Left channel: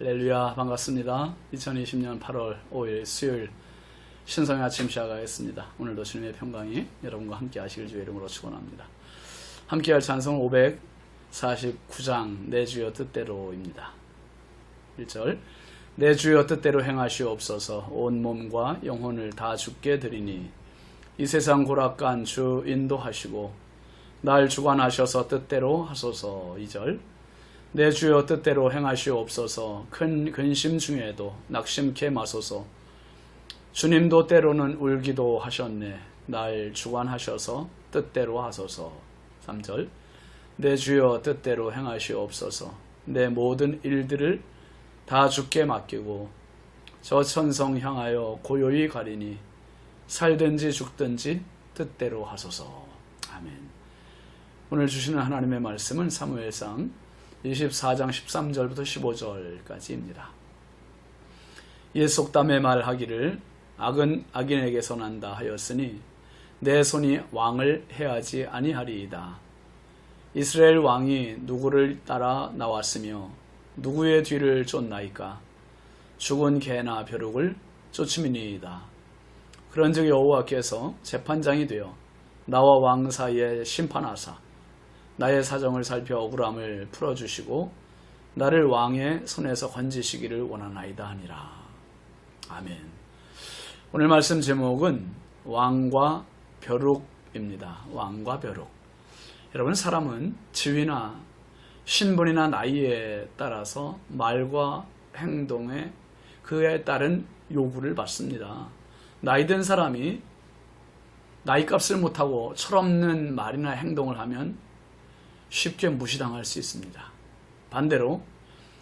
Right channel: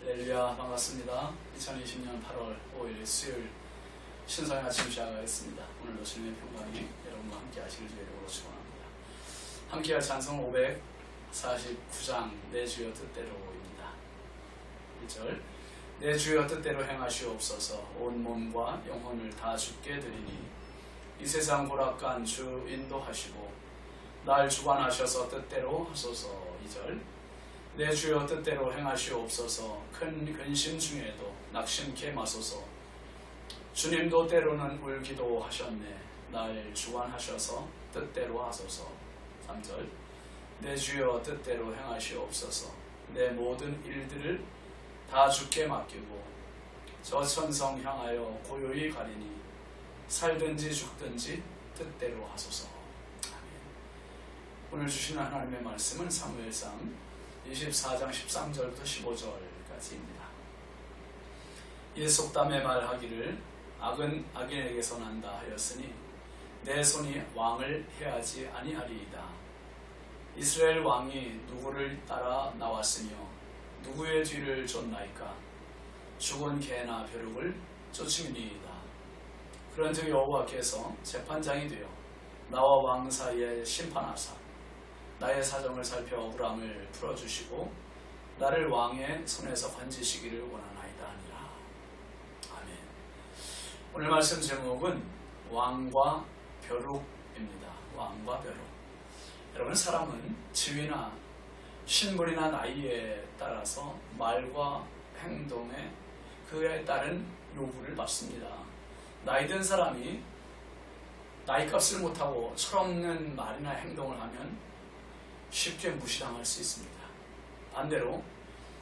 할렐루야, 반갑습니다. 2020년 8월 5일 수요일 신성의 아침 시작하겠습니다. 오늘도 주님의 평강이 여러분과 함께 하시길 주의 이름으로 축원합니다. 함께 할 찬송 549장 내 주여 뜻대로입니다. 1절 내 주여 뜻대로 행하시옵소서. 온 몸과 영혼을 다 주께 드리니 이 세상 고락간 주 인도하시고 날 주관하셔서 뜻대로 하소서. 2절 내 주여 뜻대로 행하시옵소서. 큰 근심 중에도 낙심케 마소서. 주님도 때로는 울기도 하셨네. 날 주관하셔서 뜻대로 하소서. 3절 내 주여 뜻대로 행하시옵소서. 내 모든 일들을 다 주께 맡기고 저 천성 향하여 고요히 가리니 살든지 죽든지 뜻대로 하소서. 아멘. 오늘 주시는 하나님의 말씀은 사무엘상 24장 13절부터 15절까지입니다. 옛 속담에 말하기를 악은 악인에게서 난다 하였으니 내 손이 왕을 해하지 아니하리이다. 이스라엘 왕이 누구를 따라 나왔으며 누구의 뒤를 쫓나이까? 죽은 개나 벼룩을 쫓음이니이다. 그런즉 여호와께서 재판장이 되어 나와 왕 사이에 심판하사 나의 사정을 살펴 억울함을 풀어주시고 나를 왕의 손에서 건지시기를 원하나이다 하니라. 아멘. 오늘 말씀 제목은 왕과 벼룩입니다. 왕과 벼룩. 여러분, 사람은 지위나 신분이나 나이에 따라서 말과 행동에 그에 따른 요구를 받습니다. 나이 든 사람이 나이값을 못하고 철없는 말이나 행동을 하면 쉽게 무시당할 수 있습니다. 반대로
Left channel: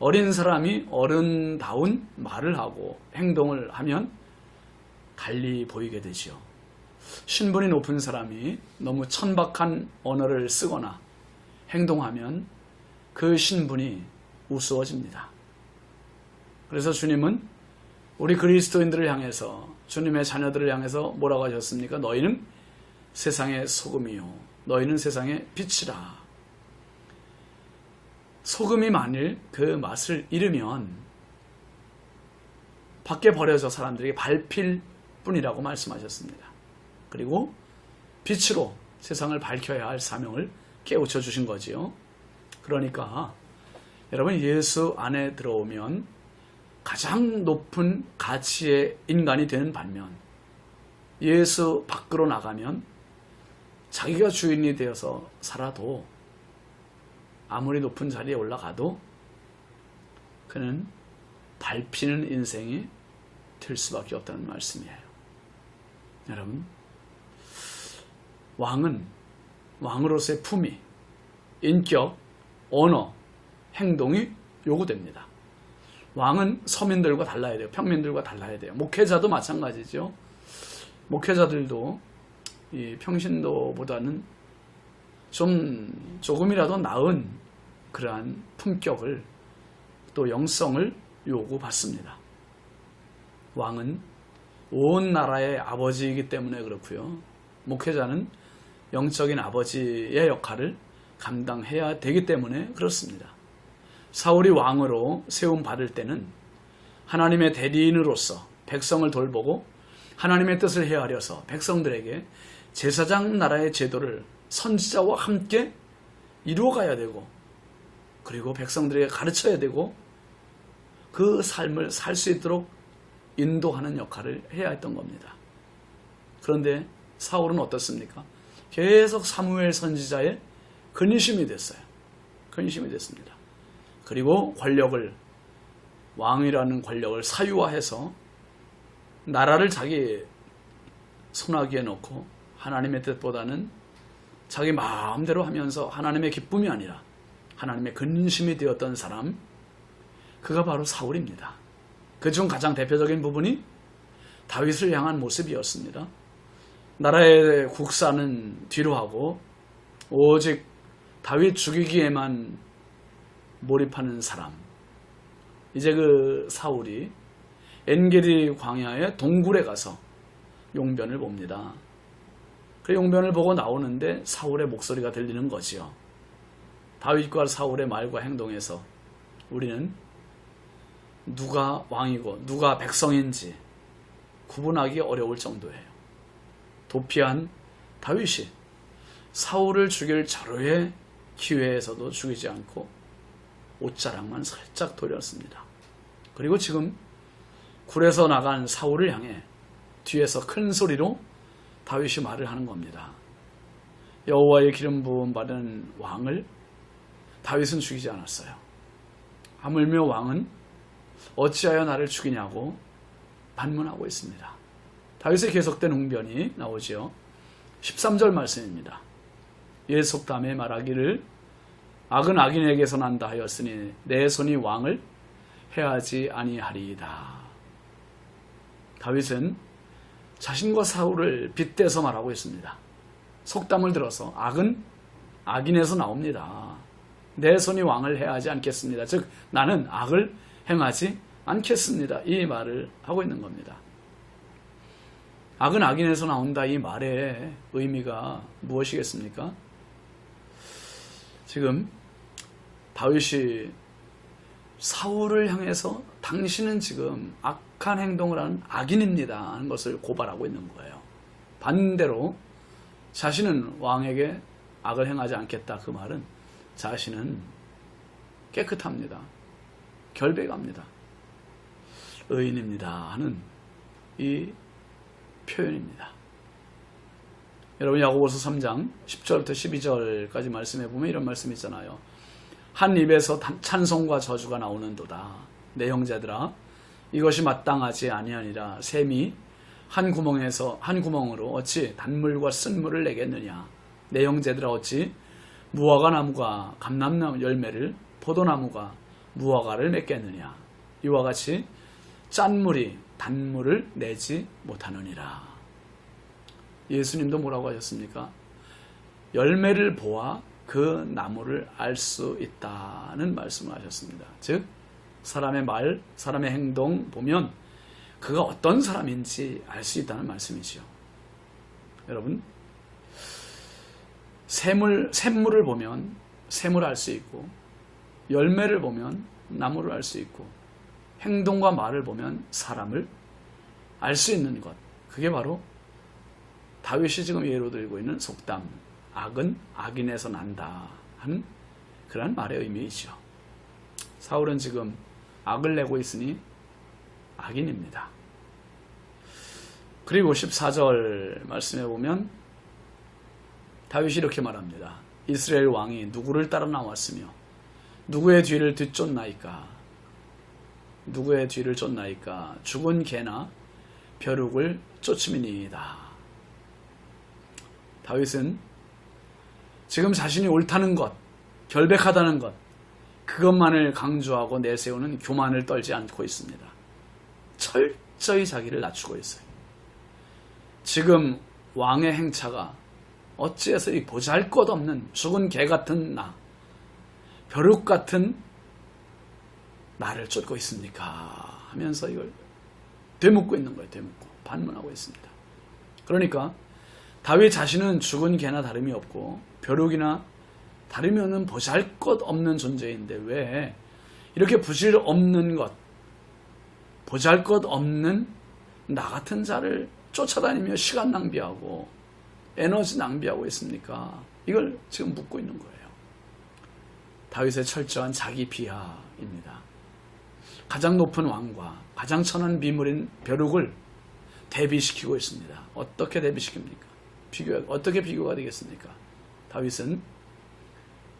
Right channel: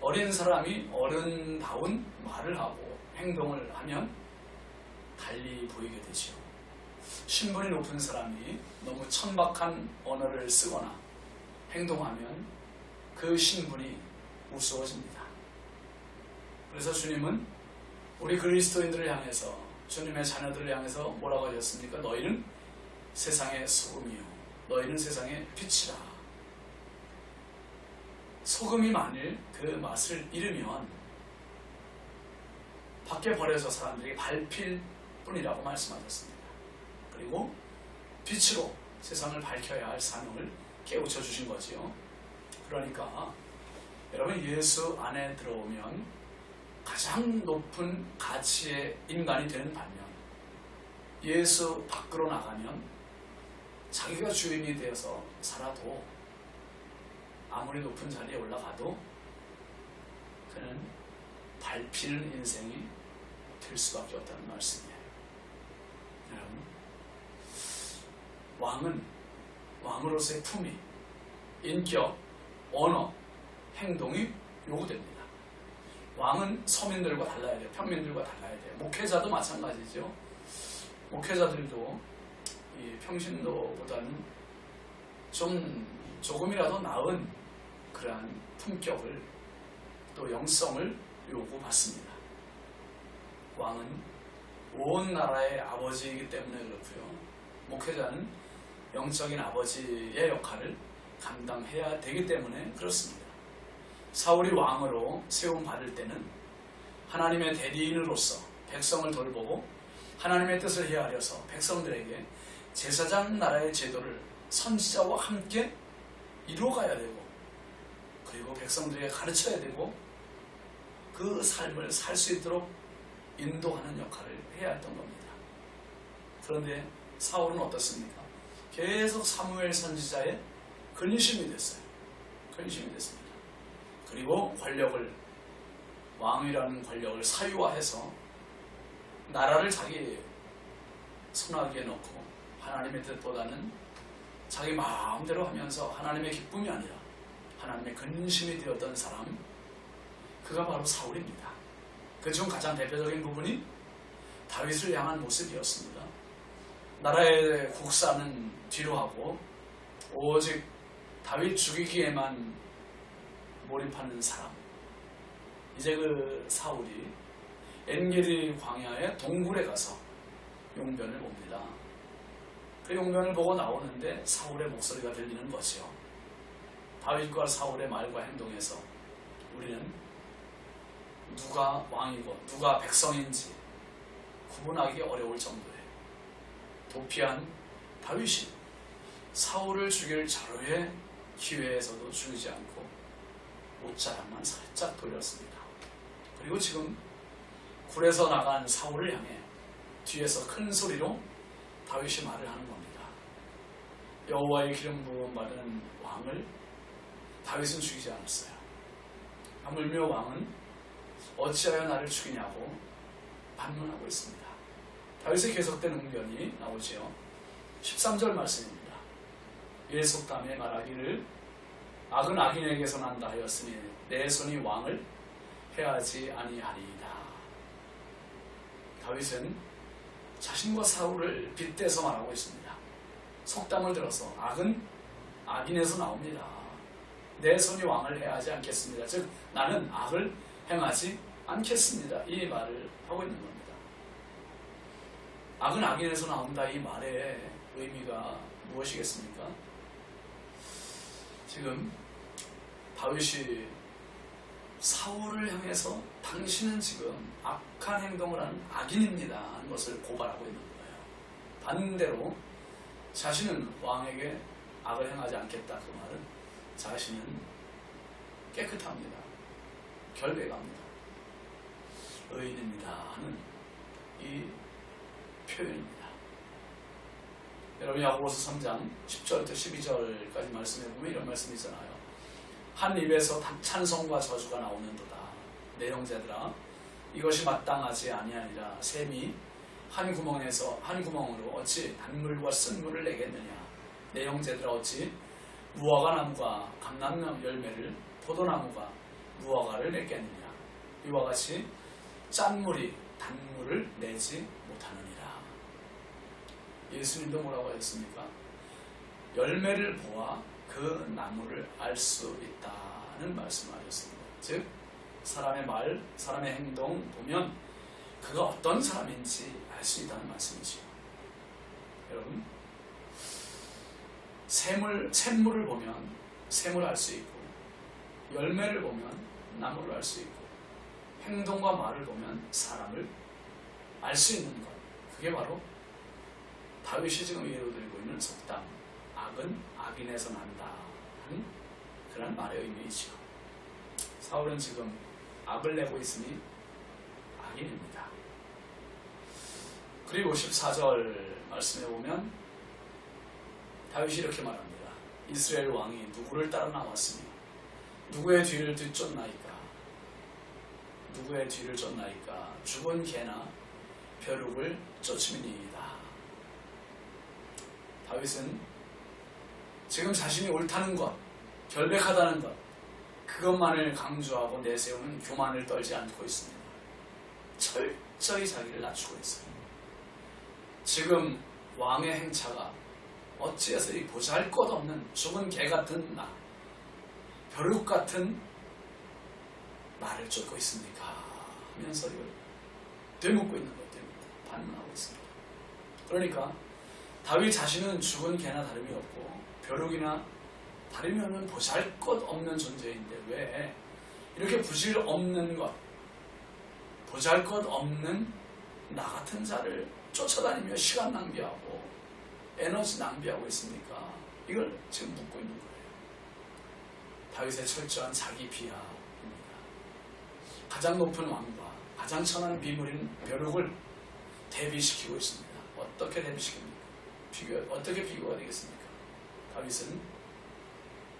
어린 사람이 어른다운 말을 하고 행동을 하면 달리 보이게 되지요. 신분이 높은 사람이 너무 천박한 언어를 쓰거나 행동하면 그 신분이 우스워집니다. 그래서 주님은 우리 그리스도인들을 향해서, 주님의 자녀들을 향해서 뭐라고 하셨습니까? 너희는 세상의 소금이요 너희는 세상의 빛이라. 소금이 만일 그 맛을 잃으면 밖에 버려져 사람들에게 밟힐 뿐이라고 말씀하셨습니다. 그리고 빛으로 세상을 밝혀야 할 사명을 깨우쳐 주신 거지요. 그러니까 여러분, 예수 안에 들어오면 가장 높은 가치의 인간이 되는 반면 예수 밖으로 나가면 자기가 주인이 되어서 살아도 아무리 높은 자리에 올라가도 그는 밟히는 인생이 될 수밖에 없다는 말씀이에요. 여러분, 왕은 왕으로서의 품위, 인격, 언어, 행동이 요구됩니다. 왕은 서민들과 달라야 돼요. 평민들과 달라야 돼요. 목회자도 마찬가지죠. 목회자들도 이 평신도보다는 조금이라도 나은 그러한 품격을 또 영성을 요구받습니다. 왕은 온 나라의 아버지이기 때문에 그렇고요. 목회자는 영적인 아버지의 역할을 감당해야 되기 때문에 그렇습니다. 사울이 왕으로 세움 받을 때는 하나님의 대리인으로서 백성을 돌보고 하나님의 뜻을 헤아려서 백성들에게 제사장 나라의 제도를 선지자와 함께 이루어가야 되고, 그리고 백성들에게 가르쳐야 되고, 그 삶을 살 수 있도록 인도하는 역할을 해야 했던 겁니다. 그런데 사울은 어떻습니까? 계속 사무엘 선지자의 근심이 됐어요. 근심이 됐습니다. 그리고 왕이라는 권력을 사유화해서 나라를 자기 손아귀에 놓고 하나님의 뜻보다는 자기 마음대로 하면서 하나님의 기쁨이 아니라 하나님의 근심이 되었던 사람, 그가 바로 사울입니다. 그중 가장 대표적인 부분이 다윗을 향한 모습이었습니다. 나라의 국사는 뒤로 하고 오직 다윗 죽이기에만 몰입하는 사람. 이제 그 사울이 엔게디 광야의 동굴에 가서 용변을 봅니다. 그 용변을 보고 나오는데 사울의 목소리가 들리는 거지요. 다윗과 사울의 말과 행동에서 우리는 누가 왕이고 누가 백성인지 구분하기 어려울 정도예요. 도피한 다윗이 사울을 죽일 절호의 기회에서도 죽이지 않고 옷자락만 살짝 돌렸습니다. 그리고 지금 굴에서 나간 사울을 향해 뒤에서 큰 소리로 다윗이 말을 하는 겁니다. 여호와의 기름 부음 받은 왕을 다윗은 죽이지 않았어요. 하물며 왕은 어찌하여 나를 죽이냐고 반문하고 있습니다. 다윗의 계속된 웅변이 나오지요. 13절 말씀입니다. 이에 속담에 말하기를 악은 악인에게서 난다 하였으니 내 손이 왕을 해하지 아니하리이다. 다윗은 자신과 사울을 빗대서 말하고 있습니다. 속담을 들어서 악은 악인에서 나옵니다. 내 손이 왕을 해하지 않겠습니다. 즉 나는 악을 행하지 않겠습니다. 이 말을 하고 있는 겁니다. 악은 악인에서 나온다 이 말의 의미가 무엇이겠습니까? 지금 다윗이 사울을 향해서 당신은 지금 악한 행동을 하는 악인입니다 하는 것을 고발하고 있는 거예요. 반대로 자신은 왕에게 악을 행하지 않겠다 그 말은 자신은 깨끗합니다. 결백합니다. 의인입니다 하는 이 표현입니다. 여러분 야고보서 3장 10절부터 12절까지 말씀해 보면 이런 말씀이 있잖아요. 한 입에서 찬송과 저주가 나오는도다. 내 형제들아 이것이 마땅하지 아니하니라. 샘이 한 구멍으로 어찌 단물과 쓴물을 내겠느냐. 내 형제들아 어찌 무화과 나무가 감람나무 열매를 포도나무가 무화과를 맺겠느냐. 이와 같이 짠 물이 단물을 내지 못하느니라. 예수님도 뭐라고 하셨습니까? 열매를 보아 그 나무를 알 수 있다는 말씀을 하셨습니다. 즉 사람의 말, 사람의 행동 보면 그가 어떤 사람인지 알 수 있다는 말씀이죠. 여러분 샘물을 보면 샘을 알 수 있고 열매를 보면 나무를 알 수 있고 행동과 말을 보면 사람을 알 수 있는 것, 그게 바로 다윗이 지금 예로 들고 있는 속담 악은 악인에서 난다 하는 그런 말의 의미이죠. 사울은 지금 악을 내고 있으니 악인입니다. 그리고 14절 말씀해 보면 다윗이 이렇게 말합니다. 이스라엘 왕이 누구를 따라 나왔으며 누구의 뒤를 뒤쫓나이까. 누구의 뒤를 쫓나이까. 죽은 개나 벼룩을 쫓음이니이다. 다윗은 지금 자신이 옳다는 것, 결백하다는 것, 그것만을 강조하고 내세우는 교만을 떨지 않고 있습니다. 철저히 자기를 낮추고 있어요. 지금 왕의 행차가 어찌해서 이 보잘것없는 죽은 개 같은 나, 벼룩 같은 나를 쫓고 있습니까? 하면서 이걸 되묻고 있는 거예요. 되묻고 반문하고 있습니다. 그러니까 다윗 자신은 죽은 개나 다름이 없고 벼룩이나 다름이 없는 보잘것없는 존재인데 왜 이렇게 부질 없는 것, 보잘것없는 나 같은 자를 쫓아다니며 시간 낭비하고 에너지 낭비하고 있습니까? 이걸 지금 묻고 있는 거예요. 다윗의 철저한 자기 비하입니다. 가장 높은 왕과 가장 천한 비물인 벼룩을 대비시키고 있습니다. 어떻게 대비시킵니까? 어떻게 비교가 되겠습니까? 다윗은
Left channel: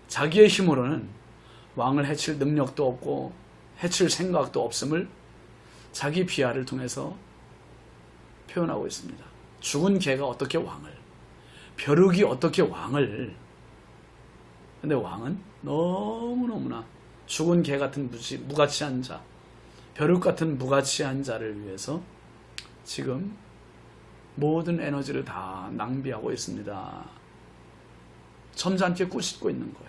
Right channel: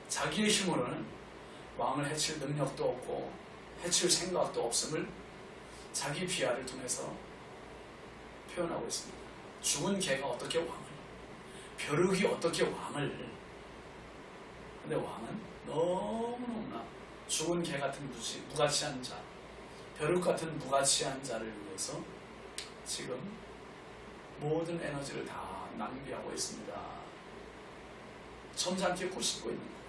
자기의 힘으로는 왕을 해칠 능력도 없고 해칠 생각도 없음을 자기 비하를 통해서 표현하고 있습니다. 죽은 개가 어떻게 왕을, 벼룩이 어떻게 왕을. 근데 왕은 너무너무나 죽은 개 같은 무가치한 자, 벼룩 같은 무가치한 자를 위해서 지금 모든 에너지를 다 낭비하고 있습니다. 점잖게 꾸짖고 있는 거예요.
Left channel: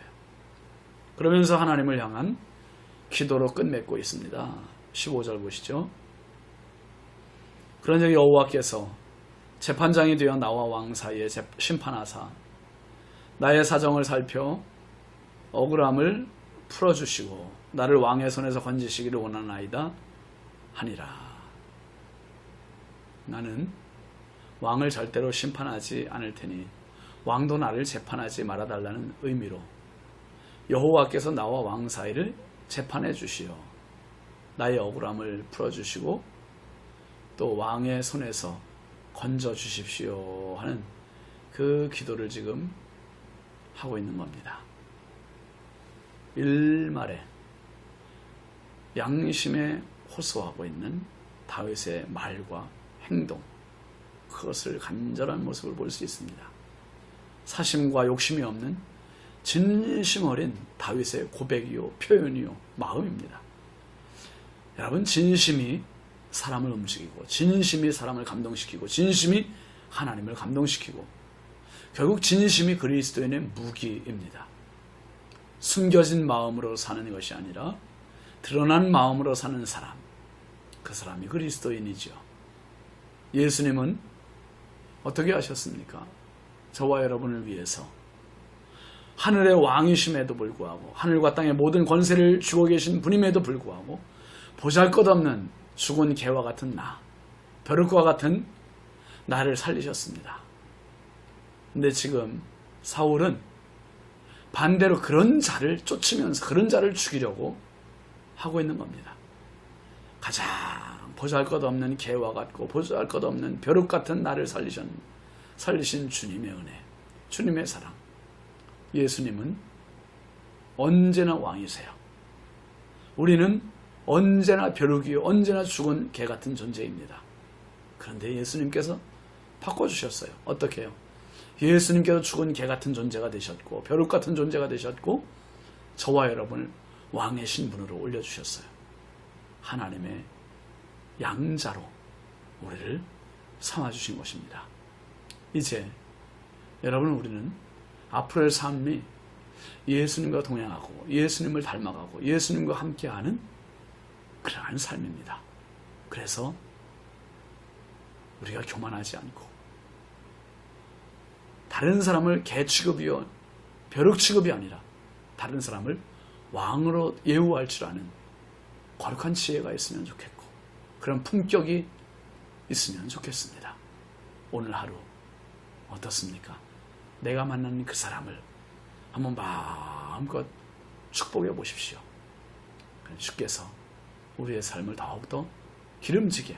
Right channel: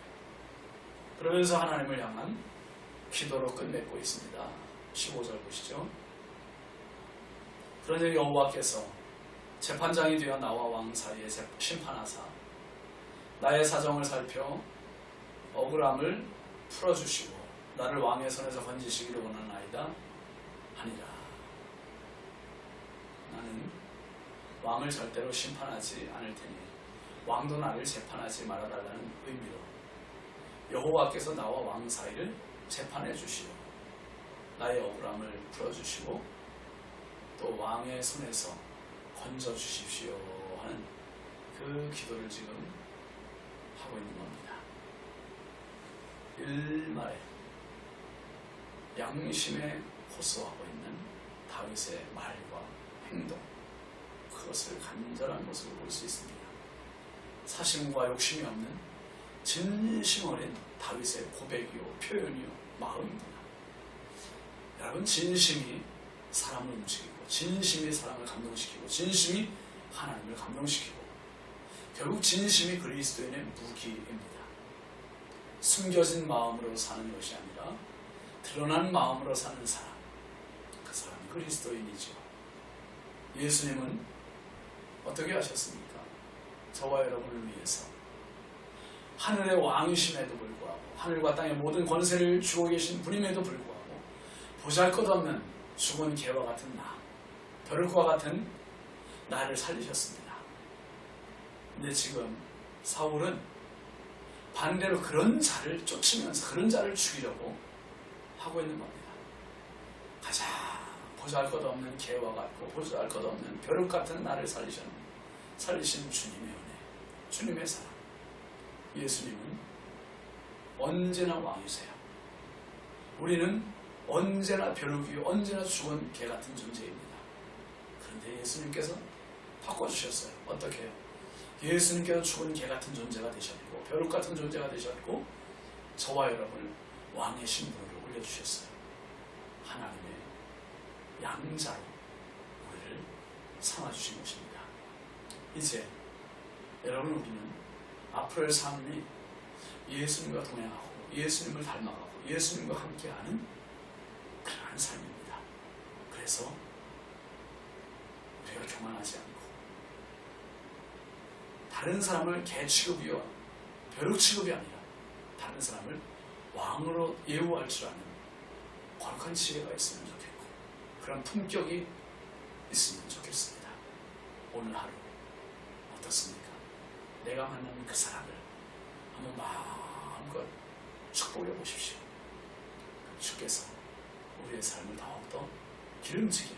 그러면서 하나님을 향한 기도로 끝맺고 있습니다. 15절 보시죠. 그런 적이 여호와께서 재판장이 되어 나와 왕 사이에 심판하사 나의 사정을 살펴 억울함을 풀어주시고 나를 왕의 손에서 건지시기를 원하나이다. 하니라. 나는 왕을 절대로 심판하지 않을 테니 왕도 나를 재판하지 말아달라는 의미로 여호와께서 나와 왕 사이를 재판해 주시어 나의 억울함을 풀어주시고 또 왕의 손에서 건져 주십시오 하는 그 기도를 지금 하고 있는 겁니다. 일말에 양심에 호소하고 있는 다윗의 말과 행동, 그것을 간절한 모습을 볼 수 있습니다. 사심과 욕심이 없는 진심 어린 다윗의 고백이요, 표현이요, 마음입니다. 여러분, 진심이 사람을 움직이고 진심이 사람을 감동시키고 진심이 하나님을 감동시키고 결국 진심이 그리스도인의 무기입니다. 숨겨진 마음으로 사는 것이 아니라 드러난 마음으로 사는 사람, 그 사람이 그리스도인이죠. 예수님은 어떻게 하셨습니까? 저와 여러분을 위해서 하늘의 왕이심에도 불구하고 하늘과 땅의 모든 권세를 주고 계신 분임에도 불구하고 보잘것없는 죽은 개와 같은 나, 벼룩과 같은 나를 살리셨습니다. 근데 지금 사울은 반대로 그런 자를 쫓으면서 그런 자를 죽이려고 하고 있는 겁니다. 가장 보잘것없는 개와 같고 보잘것없는 벼룩 같은 나를 살리신 주님의 은혜, 주님의 사랑. 예수님은 언제나 왕이세요. 우리는 언제나 벼룩이요, 언제나 죽은 개 같은 존재입니다. 그런데 예수님께서 바꿔주셨어요. 어떻게 해요? 예수님께서 죽은 개 같은 존재가 되셨고 벼룩 같은 존재가 되셨고 저와 여러분을 왕의 신분으로 올려주셨어요. 하나님의 양자로 우리를 삼아주신 것입니다. 이제 여러분, 우리는 앞으로의 삶이 예수님과 동행하고 예수님을 닮아가고 예수님과 함께하는 그러한 삶입니다. 그래서 우리가 교만하지 않고 다른 사람을 개 취급이요 벼룩 취급이 아니라 다른 사람을 왕으로 예우할 줄 아는 거룩한 지혜가 있으면 좋겠고 그런 품격이 있으면 좋겠습니다. 오늘 하루 어떻습니까? 내가 만난 그 사람을 한번 마음껏 축복해 보십시오. 주께서 우리의 삶을 더욱더 기름지게,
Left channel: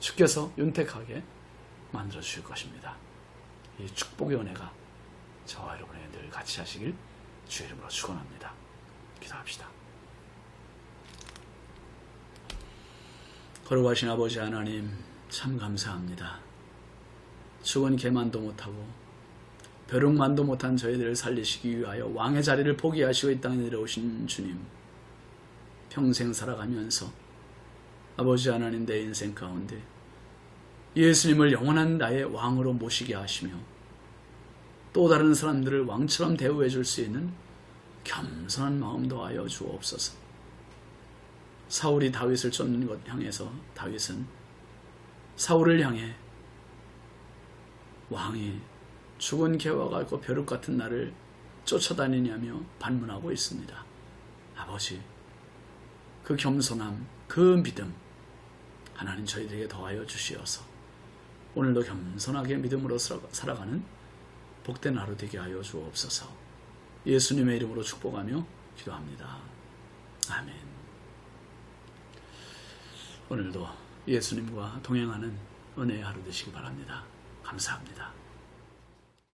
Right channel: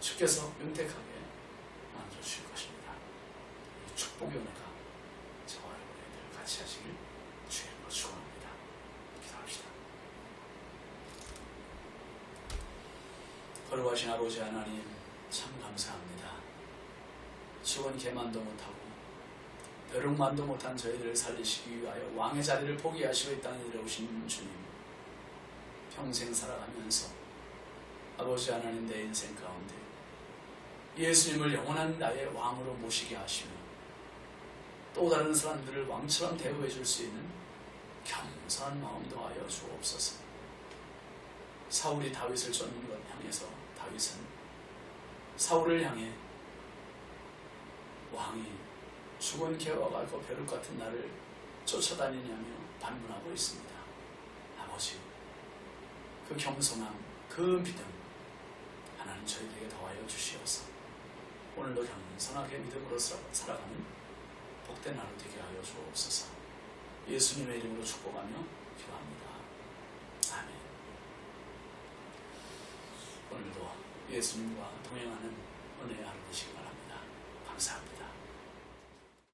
주께서 윤택하게 만들어 주실 것입니다. 이 축복의 은혜가 저와 여러분의 늘 같이 하시길 주의 이름으로 축원합니다. 기도합시다. 거룩하신 아버지 하나님, 참 감사합니다. 죽은 개만도 못하고 벼룩만도 못한 저희들을 살리시기 위하여 왕의 자리를 포기하시고 이 땅에 내려오신 주님, 평생 살아가면서 아버지 하나님, 내 인생 가운데 예수님을 영원한 나의 왕으로 모시게 하시며 또 다른 사람들을 왕처럼 대우해 줄 수 있는 겸손한 마음 더하여 주옵소서. 사울이 다윗을 쫓는 것 향해서 다윗은 사울을 향해 왕이 죽은 개와 같고 벼룩 같은 나를 쫓아다니냐며 반문하고 있습니다. 아버지, 그 겸손함, 그 믿음 하나님 저희들에게 더하여 주시어서 오늘도 겸손하게 믿음으로 살아가는 복된 하루 되게 하여 주옵소서. 예수님의 이름으로 축복하며 기도합니다. 아멘. 오늘도 예수님과 동행하는 은혜의 하루 되시기 바랍니다. 감사합니다.